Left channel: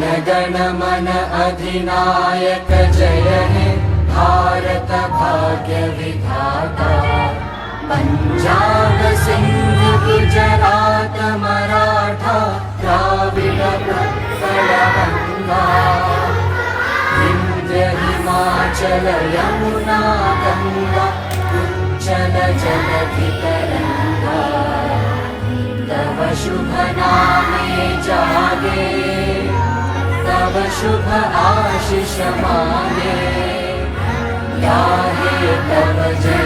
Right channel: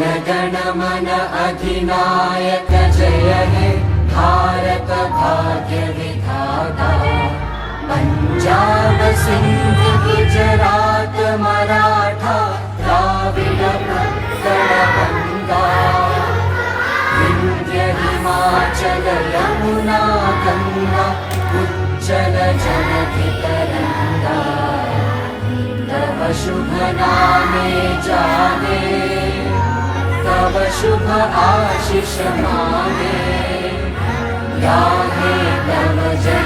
गण मन अधिनायक जय हे भारत भाग्य विधाता। पंजाब सिंध गुजरात मराठा द्राविड उत्कल गंगा। विंध्य हिमाचल यमुना गंगा उच्चल जगति तरंगा। तव शुभ नामे जाने तव शुभ आशीष माने। गाहे तव जय